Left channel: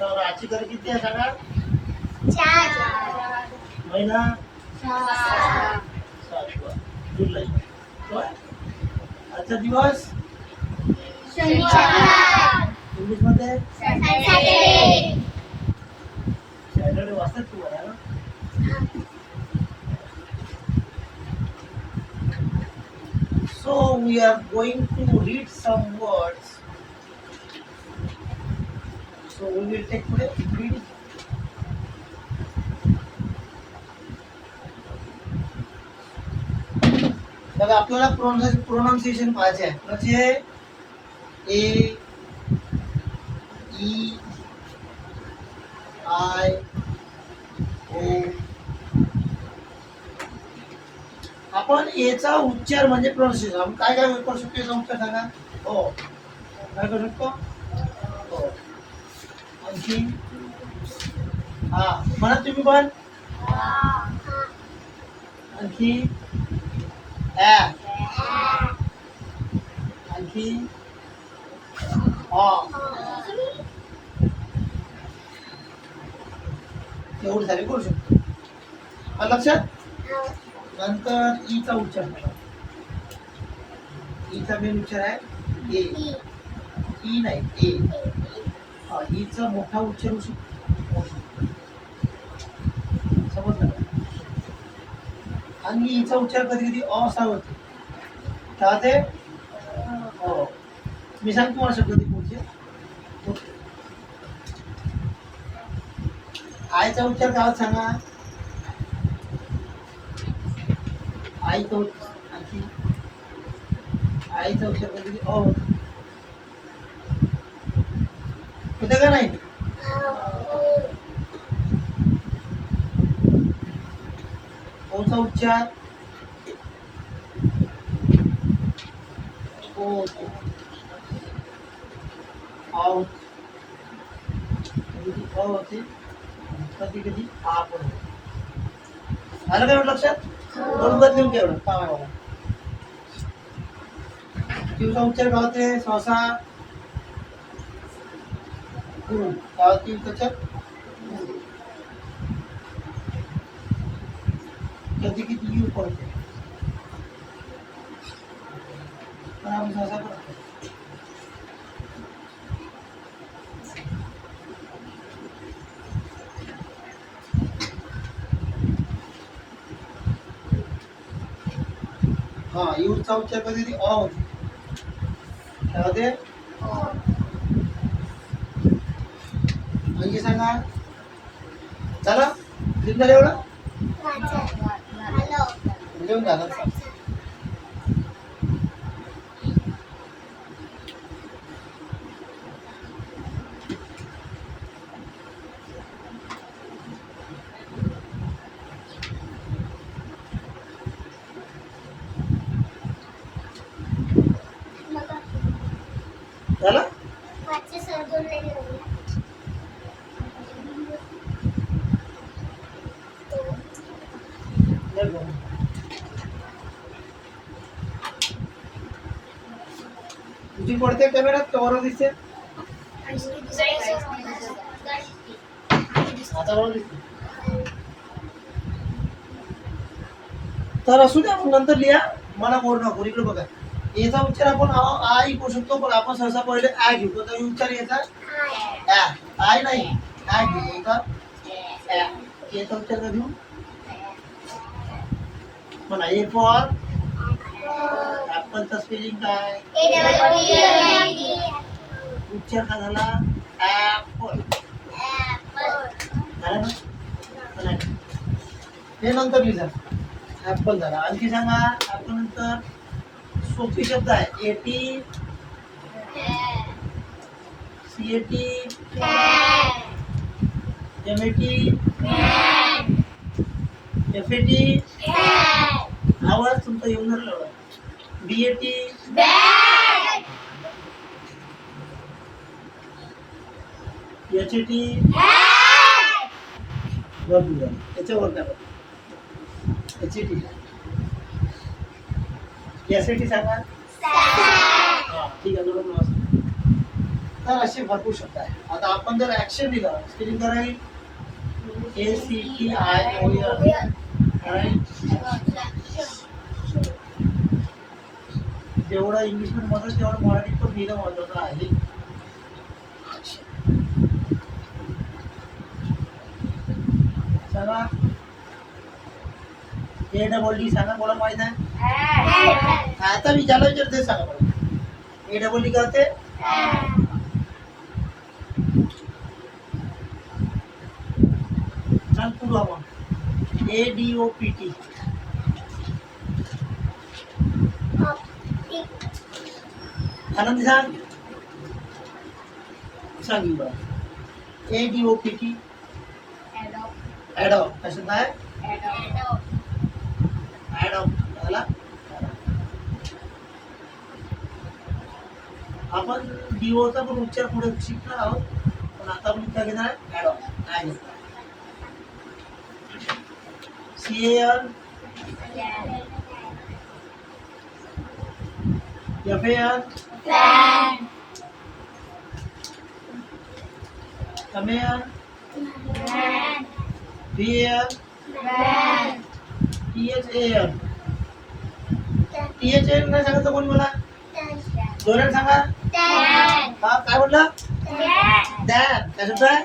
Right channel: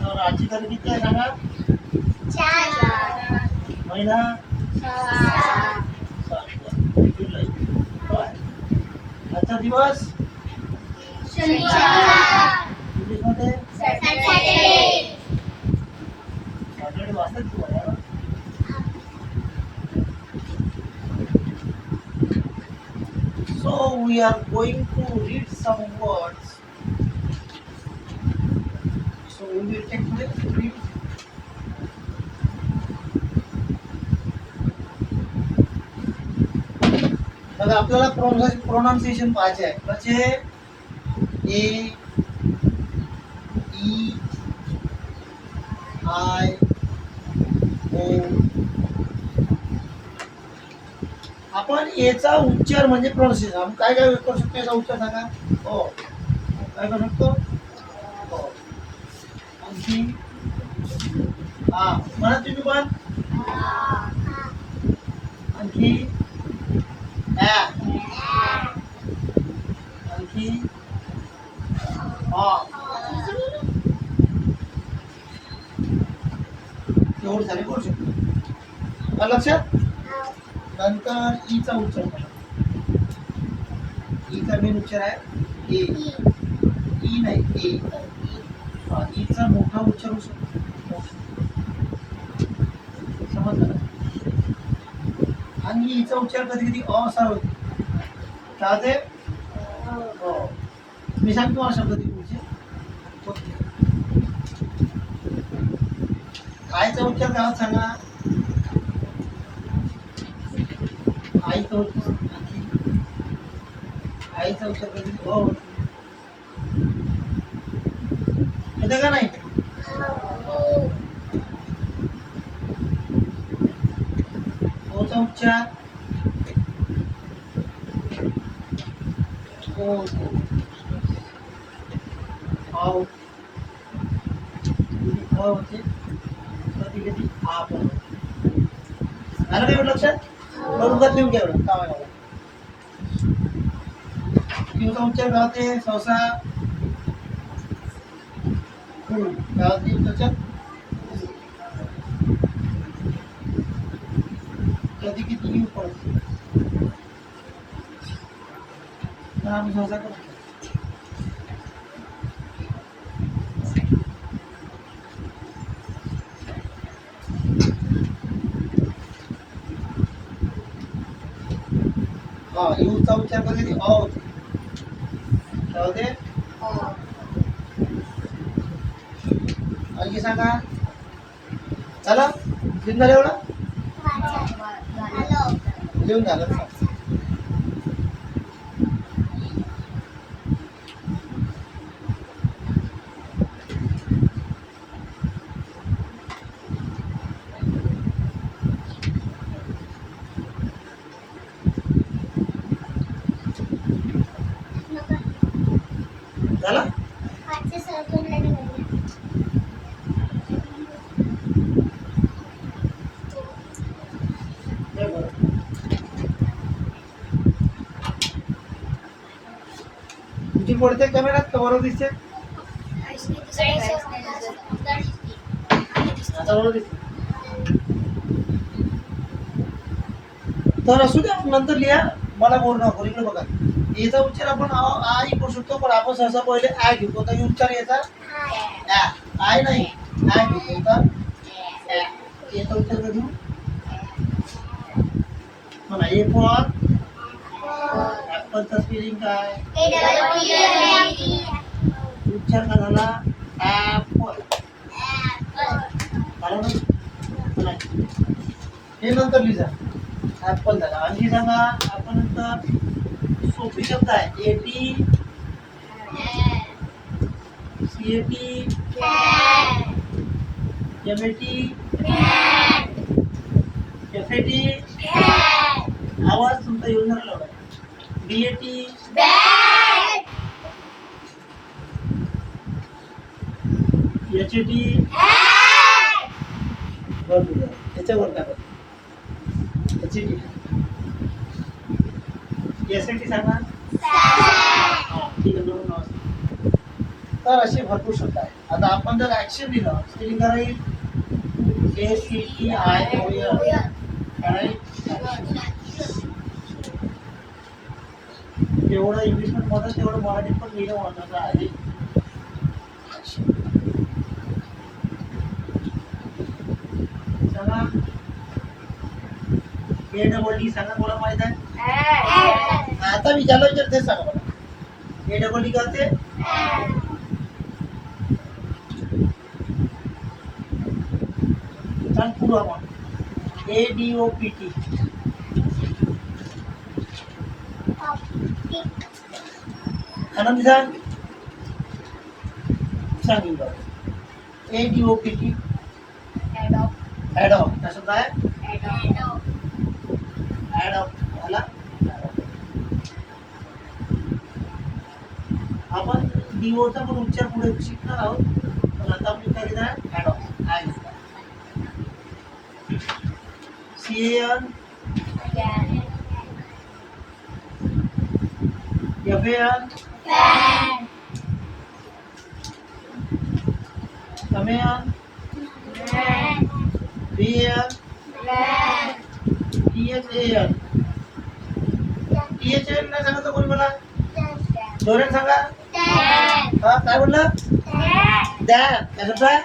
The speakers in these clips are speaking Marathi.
तर आजची तारीख किती आहे सांगा? 4 महिना 6 जुलै. आजचा दिवस शनिवार इंग्लिश मध्ये सॅटर्डे सॅटर्डे वाजतात तुम्हाला ना? So we are going to read some words. So we will take today read. बघा आपल्याला प्रोनाउन्सिएशन पाहायचे आहे. कसे? ए ई आय ओ. आपण याचा उच्चार म्हणजे प्रोनाउन्सिएशन आपण काय काय करू शकतो याचा उच्चार सांगा. हो काय करू शकतो? हो. आणखी हा म्हणा तुम्ही पण. आणखी आणखी एवढं झाले करू शकतो. आलं लक्षात? नंतर ईचा उच्चार करा. ईचा मेन उच्चार आहे ए. ई नाही ए. ईचा मोठा उच्चार होऊ शकतो. समजलं का? आणि ईचा उच्चार कधी कधी अ असा होते. काय ते? हो. मी सांगतो मला शब्द ते पुढचे. आईचा उच्चार गावात सांगा. आईचा उच्चार आणखी आईचा उच्चार कधी अ होतो. होते का नाही? ओचा उच्चार ओ होते. कधी कधी आ पण. झालं काय लक्षात? बरोबर लिहून घ्या एवढं काम आहे मला. किंवा उच्चार गावते सहसा गावातील त्याच्यात कधी किती यू पडते. आपण सहसा करतो. हा यूचा उच्चार कधी अ होते. काय होते? आणखी सांगा. चला लिहून झालं एवढं? लिहून झालं. झालं? तुझी पडते कॅमेऱ्यात का बरोबर दिसते? आता बरोबर दिसते. तर असू द्या नंतर लिहा. मला बोल नको. इकडे बघा. याचा उच्चार आपण आई करू शकतो पण आपण सहसा पहिले आय घेऊ. कोणता उच्चार याचा? आय नाही आय घेऊ. कोणता? याचा उच्चार का घेऊ? म्हणा ए फॉर ऍपलचा स्पेलिंग काय? उच्चार का झाला? ऍपल. झाला ना? हे नंतर लिहा. ऍपल झाला. आणखी सांगा. आपण नंतर सोपी शब्द आहे. एटी सीएटी एमएटी एफएटी आवाज तुमचा येऊन राहिला एवढा. बीएटी एचएटी बरोबर झालं. याच्यावर काय बघा. एचएटी एसएटी सांगा. हा ठीक आहे. बरोबर. तर असे भरपूर शब्द आहे. आता आपण जर ऍक्शन दिलं स्पेलिंग करायला ACTION तेवढं इंग्लिश पण महत्वाचं तेवढं मराठीत पण लिहिणं महत्वाचं आहे. सांगा ADD सांगा मला माहित आहे. आता मी ज्याला विचारते सांगा मला ADD करते सांग पुढं ADOPT आनंदी सांग सांग बरं ADOPT ॲडॉप्ट काय शब्द आहे ॲडॉप्ट झाला. आपण डीओचा पण उच्चार पुढे शिकणार आहोत पण आता आपण काय घेणार आहे ॲडॉप्ट काय घेणार CAN FAN CAN BAN THAN नाही सांगत कोणी मला जोरात सांगा. हा काय बोलला दॅन काय शब्द आहे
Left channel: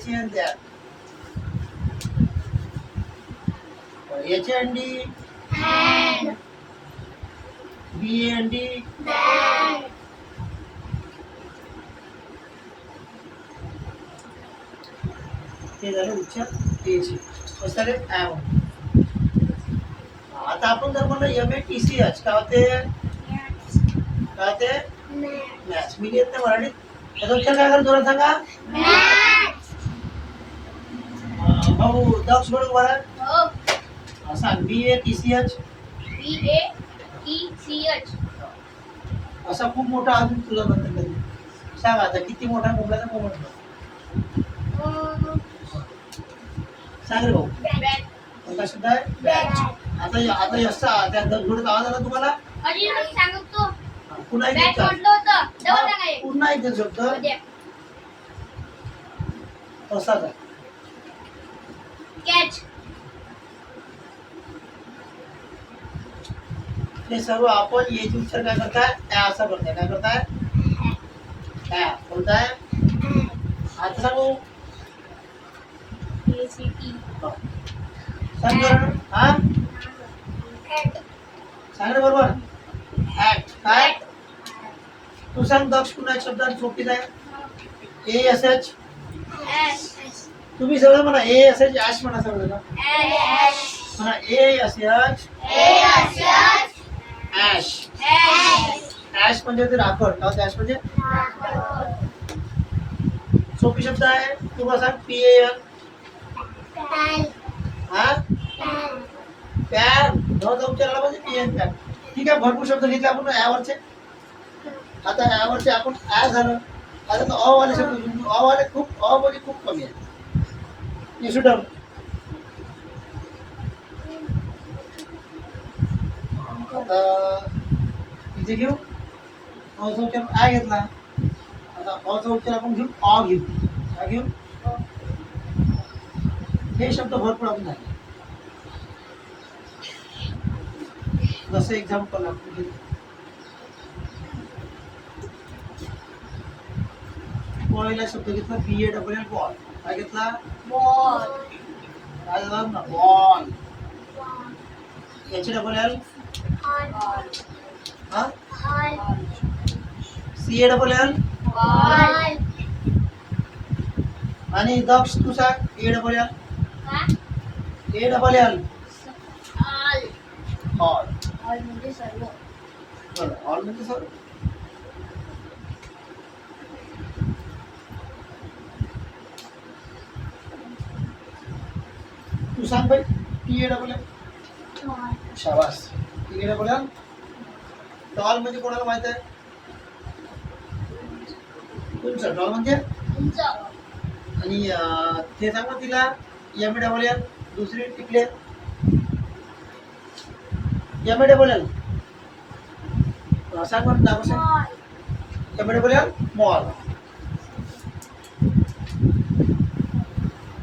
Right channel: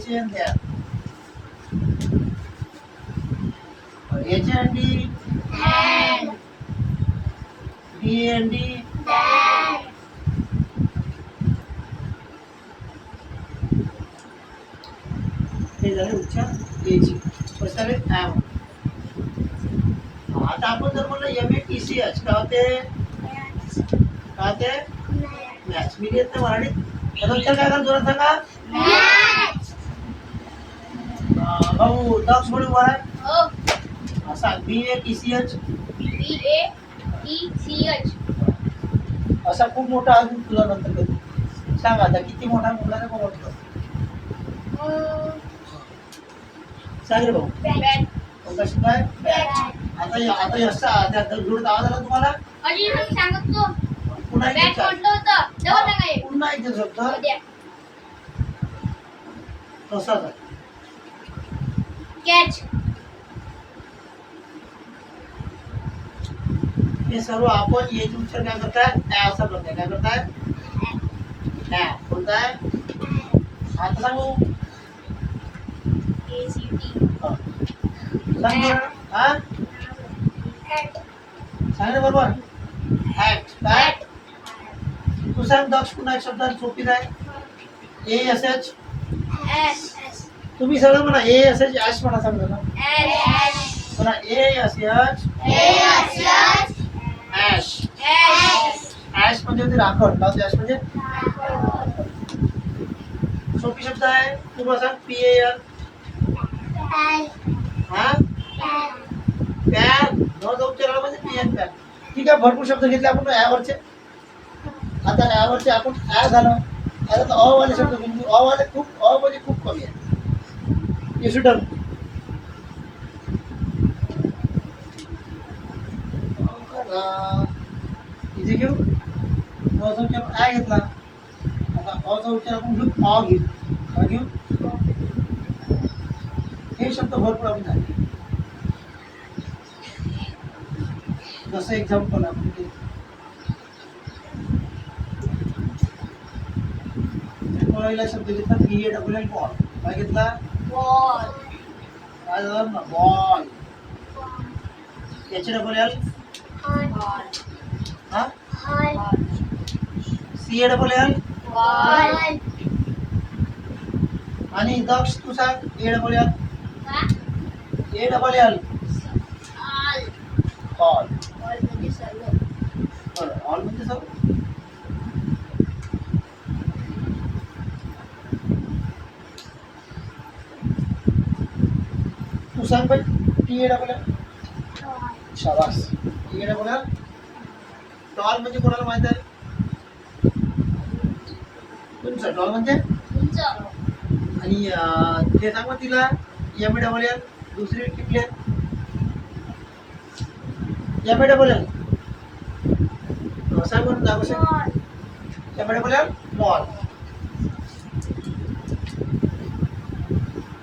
HAN दॅन HAND BAND हे झाले उच्चार एची झाले ॲम. आता आपण जर म्हणलं MATCH काय होते काय होते मॅच मी येत नाही मराठीत याचा उच्चार काय करा जोरात सांगा भाऊ दक्ष म्हणून बरं सांग BATCH असा खूप मोठा अजून तुझा नंतर कधी सांग आता किती मोठा कुठला तर म्हटलं सांग रे भाऊ कोणता शब्द आहे आता आता यशचा त्या जोडत आवाज आला तुम्हाला पुन्हा एक पुन्हा एक शब्द तसाच आहे हे सर्व आपण याचे उच्चार काय करताय त्या असा करताय काय करताय त्या बोलताय. आता सांगू सांग हा सांग रे बरोबर ऍक्ट काय तू सांग दक्ष पुन्हा एक शब्द सोपीच आहे ASH तुम्ही सगळं म्हणा ASH ऍश म्हणा सगळं म्हणा ASH ऍश ऍश म्हणजे होते राखण लावते ऍश म्हणजे सोपी शब्द आहे. तुम्हाला सांग PAN हा पॅन नवचा उच्चार आला म्हणजे PN पॅन. ठीक आहे भरपूर शब्द घेतले आपण यावरचे. आता यावरचे आपण आ झालं आता अ वाले शब्द बिंदू अ वाले खूप अ म्हणजे खूप कमी आहे येसुटर्म आता इथे घेऊ अचा उच्चार आ घेतला आता अचा उच्चार आपण घेऊ अ घेऊ काय घेऊ हे शब्द भरपूर आपण झाले जसं एक्झाम्पल आपण पहिला शब्द घेतला BALL बॉल काय घेतला काय झालं ना बॉल HALL हा CALL आणि दक्ष तू सांग ALL ऑल म्हणजे सर्व बरं ऑल म्हणजे सर्व तू सांग भाई TALL शाबास TALL टॉल म्हणजे कोणाला माहित आहे तुमचं टॉल म्हणजे आणि ते सांग मग तिला MALL दुसरी टिपले MALL सांग म्हणून दाखव यापुढे बोलूया मॉल.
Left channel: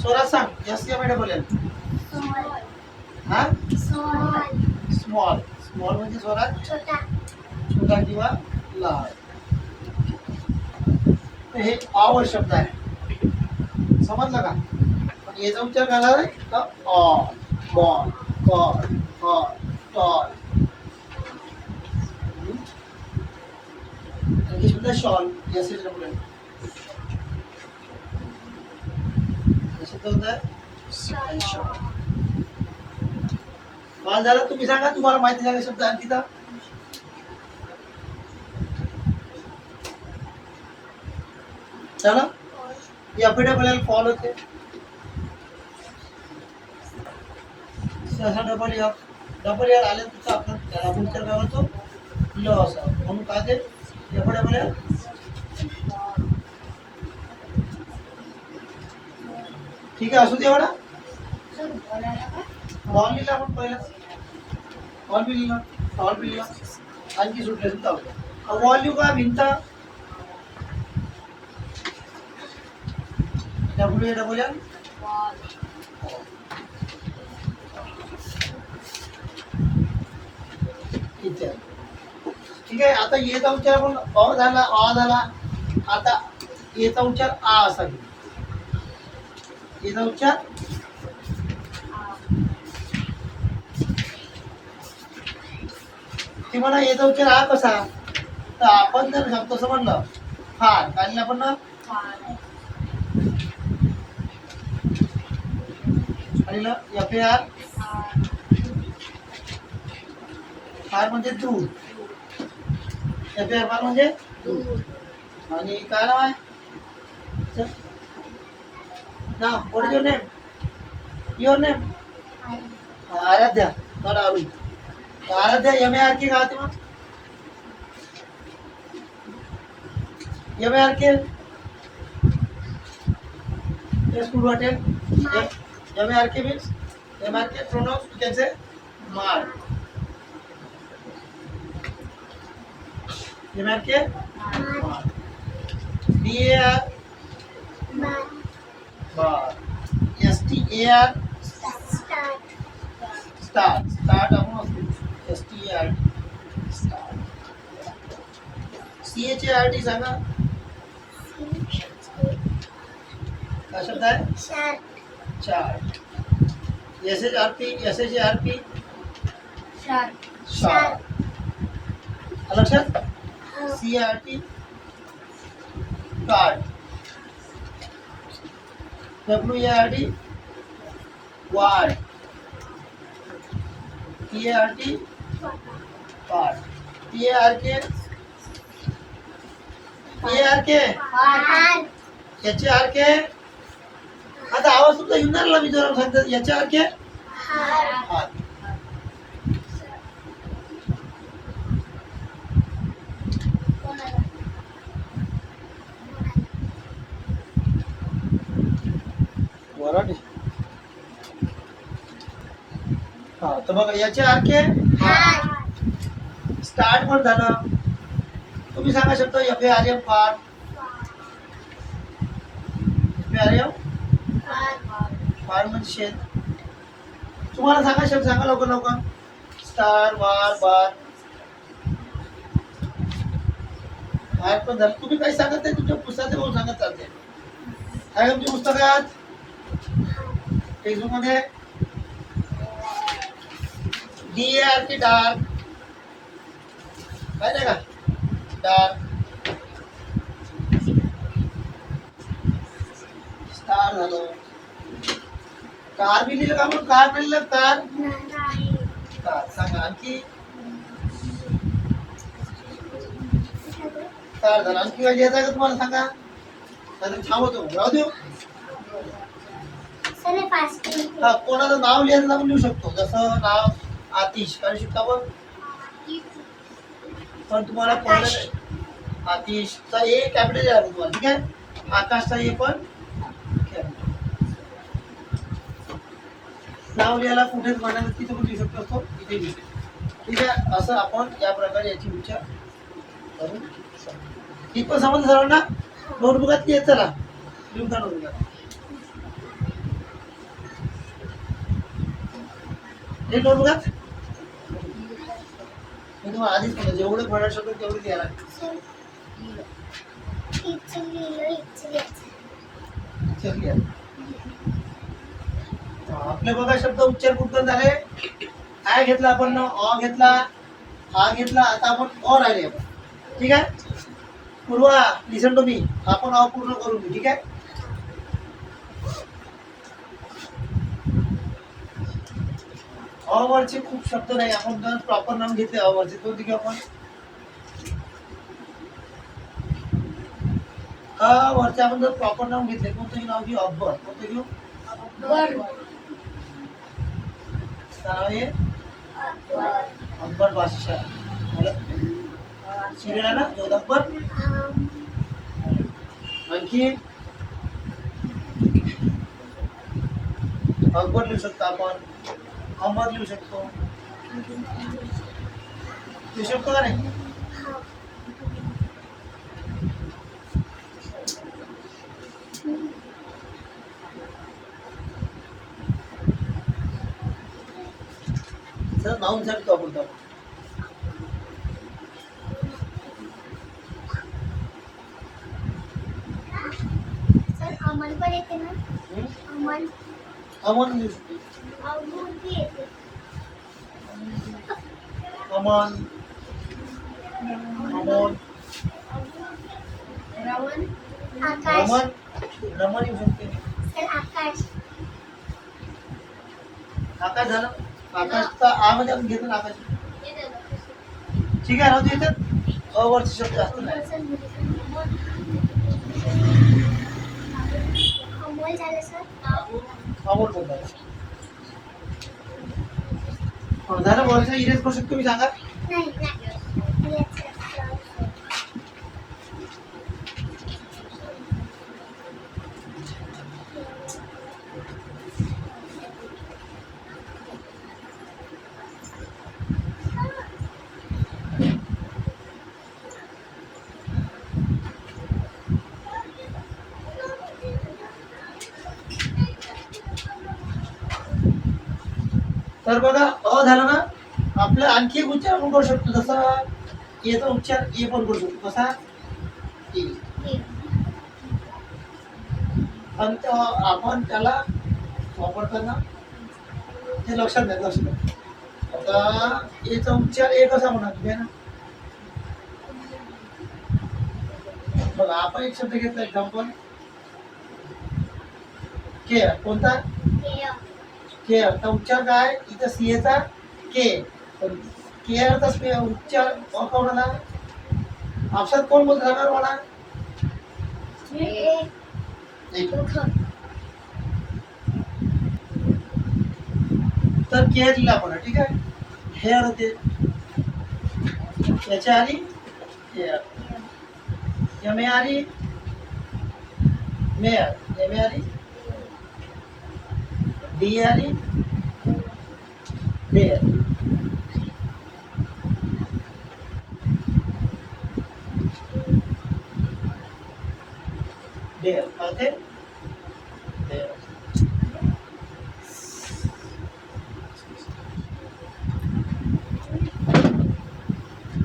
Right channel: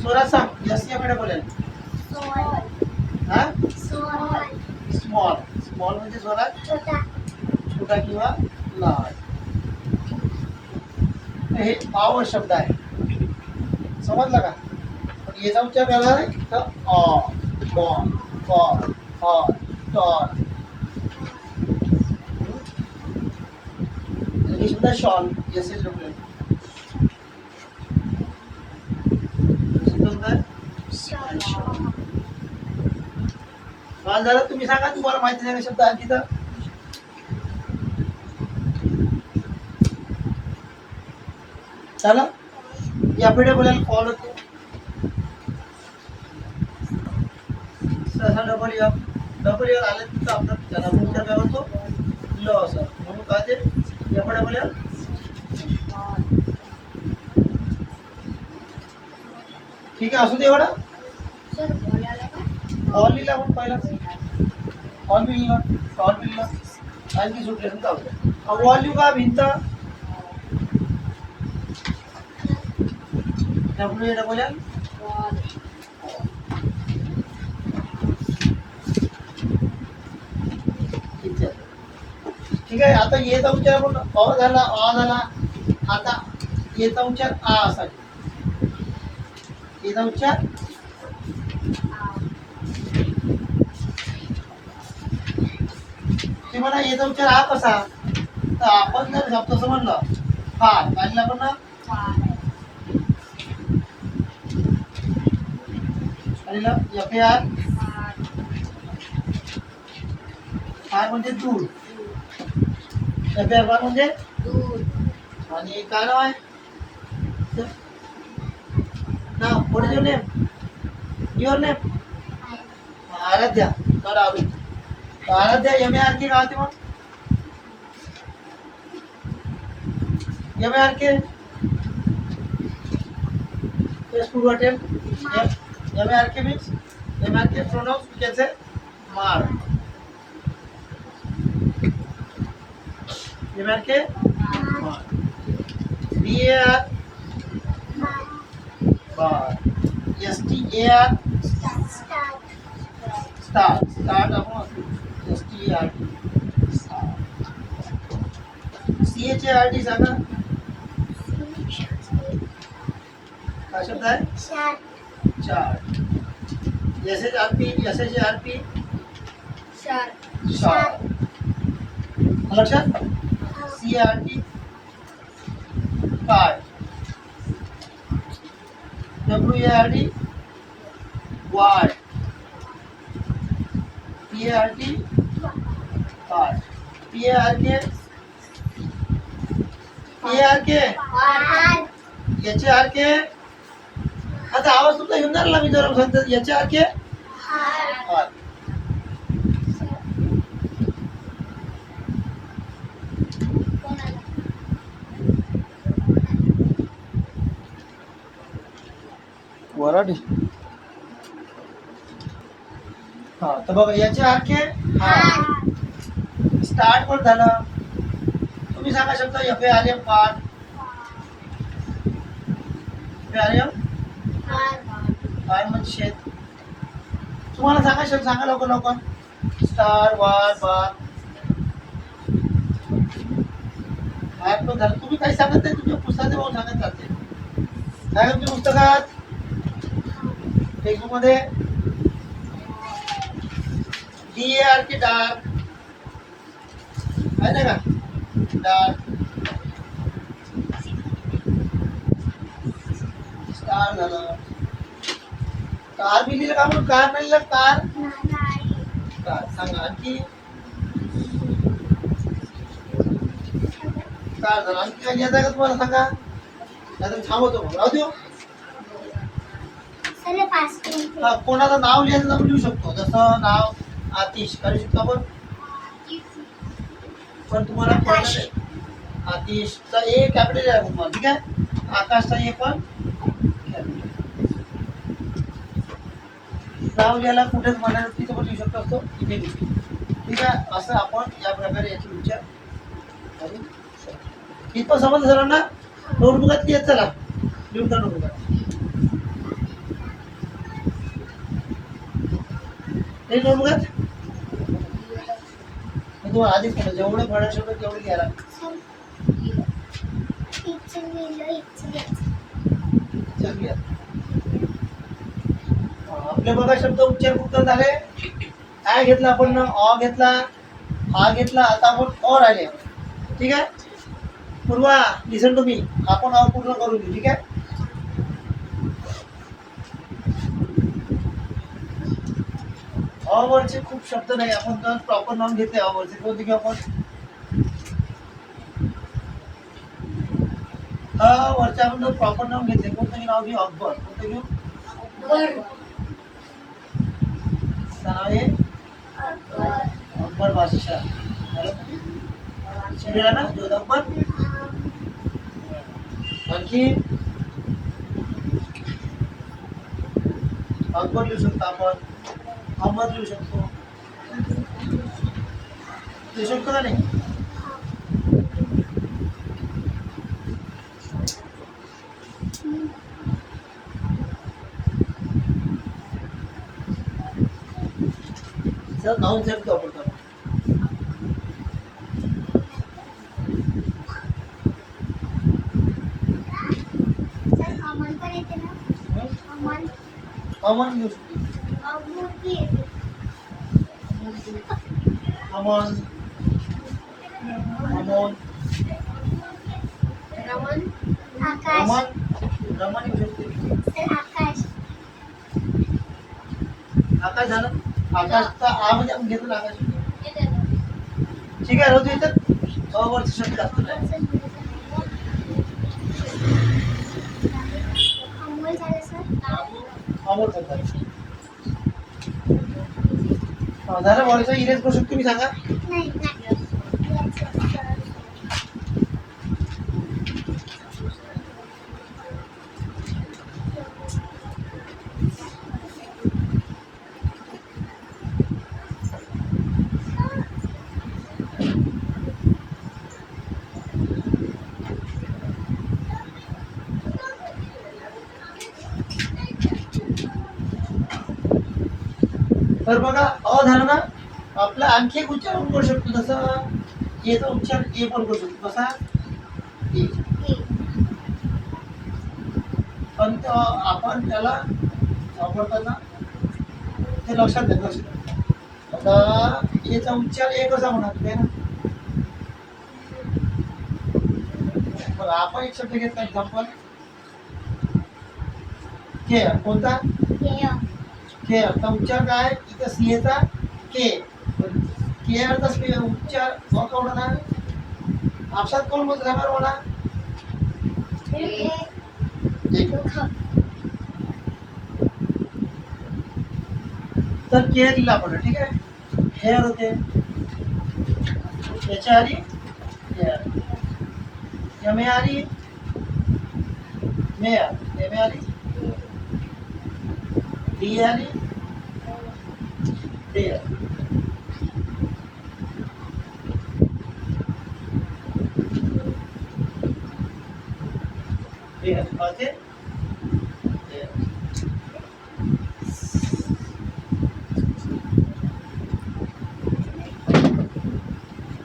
स्वरात सांग. यस यापुढे बोलेल. हा स्मॉल. स्मॉल म्हणजे स्वरात छोटा किंवा लहान. तर हे पावर शब्द आहे. समजलं का? पण याचा उच्चार करायला आहे तर all, ball, call, hall, tall. हे शब्द शॉल. यस यापुढे बोलेल. शब्द होता कॉल झाला. तुम्ही सांगा तुम्हाला माहिती नाही का शब्द आणखी तर. चला यापुढे बोलायला कॉल होते. सहसा डबल यर आले तर आपण त्याला उच्चार काय होतो ल असं म्हणून काय ते यापुढे बोलायला ठीक आहे. असू दे एवढा. हॉल लिहिला आपण पहिला. हॉल लिहिला आणखी सुटले सुद्धा वॉल लिहू का भिंत. यापुढे डबल यर. ठीक आहे. आता येचा उच्चार आपण अ झाला. आता येचा उच्चार आ असा घेऊ. येचा उच्चार ते मला येचा उच्चार आ कसा. तर आपण जर शब्द असं म्हणलं फार काय लिहिलं आपण ना FAR. फार म्हणजे दूर. FAR फार म्हणजे आणि काय नाव आहे नाव. What is your name. Aaradhya. Aaradhya MARK काय होते मग. MARK स्कूल वाटेल. MARK means MARK pronouns we can say mark. MARK BAR bar. STAR start आपण STAR CHART सांगा काय शब्द आहे. चार्ट. SHARP sharp. लक्षात. CRT card. WARD ward. PART part. PARK HARK. आता आवाज तुमचा येणार ना मी जरा सांगतो. HARK हात. वराडी. हा तर बघा HARK हात. स्टार्ट पण झालं. तुम्ही सांगा शकता FARM पार्ट. FARM फार म्हणजे शेत. तुम्हाला सांगा लवकर. स्टार वार बार फार पण झालं. तुम्ही काही सांगत नाही तुमच्या पुस्तकात बघून सांगत चालते. काय तुमच्या पुस्तकात टेक्स्टबुक मध्ये DARK डार्क आहे का. डार्क स्टार झालं. कार बी लिहिलं का म्हणून कार नाही लिहिलं. कार सांगा आणखी. कार झालं. आणखी काय लिहायचं का तुम्हाला सांगा. नाहीतर थांबवतो मग राहू देऊ. कोणाचं नाव लिहायचं आपण लिहू शकतो. जसं नाव आतिश करू शकतो आपण. पण तुम्हाला कळलं आतिशचा ए कॅपिटल आहे तुम्हाला. ठीक आहे. आकाशचा ए पण नाव लिहायला कुठेच म्हणायला तिथं पण लिहू शकतो असतो. इथे लिहू. ठीक आहे. असं आपण या प्रकारे याची विचार करू शकतो. इथं समजलं सर्वांना? नोटबुकात लिहित चला, लिहून का नोटबुकात एक नोटबुकात मी तुम्हाला आधीच म्हणलं जेवढे फळा शब्द तेवढे लिहायला. चल लिहा. आपले बघा शब्द उच्चार कुठं झाले. आय घेतला आपण, अ घेतला, हा घेतला, आता आपण अ राहिले. ठीक आहे पूर्वा, लिसन टू मी. आपण अ पूर्ण करून घेऊ. ठीक आहे अ वरचे खूप शब्द नाही, आपण जर प्रॉपर नाम घेतले अ वरचे कोणते घेऊ आपण? अ वरचे आपण जर प्रॉपर नाम घेतले कोणतं नाव घेऊ? अकबर. कोणतं घेऊ? नाव आहे अकबर बादशाह. शिवला ना जोध अकबर. आणखी अकबर लिहू शकतो आपण, अहमद लिहू शकतो. लिहू शकतो का नाही? सर नाव विचारतो आपण तर. अमन पण येते ना? अमन अमन लिहू शकतो. मूर्ती येते. अमन, अमोल, रमन, आकाश. रमन, रमन लिहू शकते. सर आकाश. आकाश झालं. आकाशचा आ मध्ये आपण घेतो ना आकाश. ठीक आहे राहू दे. याच्यात अ वरचे शब्द जास्त नाही. अमोल झालं सर. अमोल पण झालं. झालं बोलायचं. इरेज करू शकतो मी सांगा. नाही नाही याचं सर. तर बघा अ झालं ना. आपला आणखी एक उच्चार आपण करू शकतो. जसा एचा उच्चार ए पण करू शकतो. कसा? ए. पण आपण त्याला वापरताना ते लक्षात घ्या. लक्षात घ्या. आता एचा उच्चार ए कसा म्हणा तुम्ही ना. बघा आपण एक शब्द घेतला एक्झाम्पल के. कोणता? के. आता उच्चार काय? इथं सीएचा के. के अर्थ उच्चार कोण ना. आपसात कोण बोलत राहणार मला? तर के लिहिला आपण. ठीक आहे हेअर होते. याच्या आली हेअर. एम ए आली मेयर. एम ए आली डी आली डेअर. डेअर होते डेअर.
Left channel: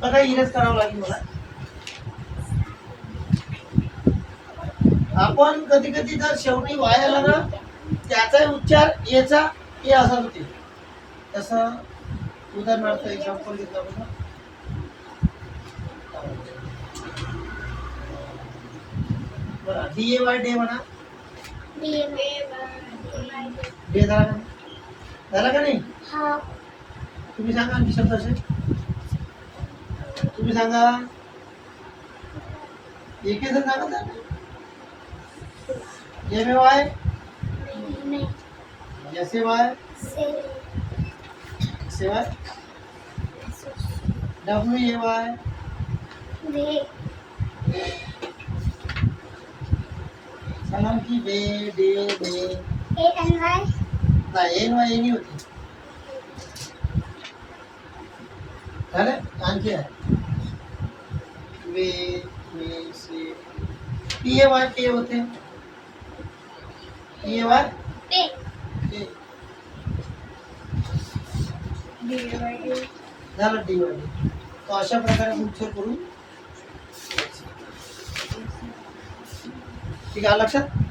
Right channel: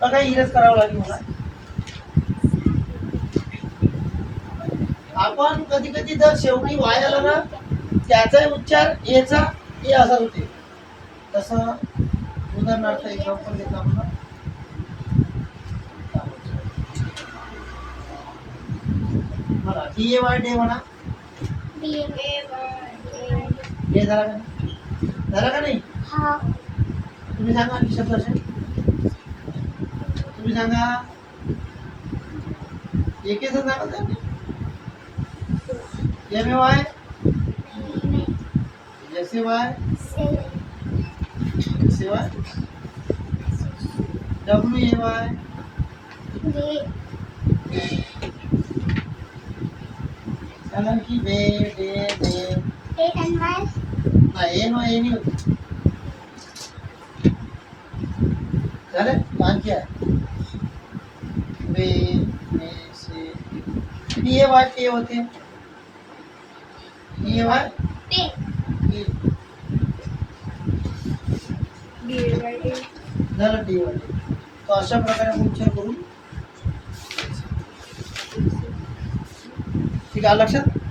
बघा इरेज करावं लागेल मला. आपण कधी कधी जर शेवटी वाय आला ना त्याचा उच्चार एचा ए असा होते. तसं उदाहरणार्थ एक्झाम्पल घेतलं आपण. बघा डी ए वाय डे म्हणा. डे झाला का? झाला का नाही? तुम्ही सांगा आणखी शब्द असेल. तुम्ही सांगा. एक जण सांगा त्यांनी. M A Y S A Y say Y W A Y सांगा की बे डे दे. एन वाय नाही एन वाय एनी होती. झालं आणखी आहे बे बेस पी ए वाय टे होते. पी ए वाय पे टे. DAY झालं टी वाय. तर अशा प्रकारे आपण उच्चार करू. ठीक आहे लक्षात.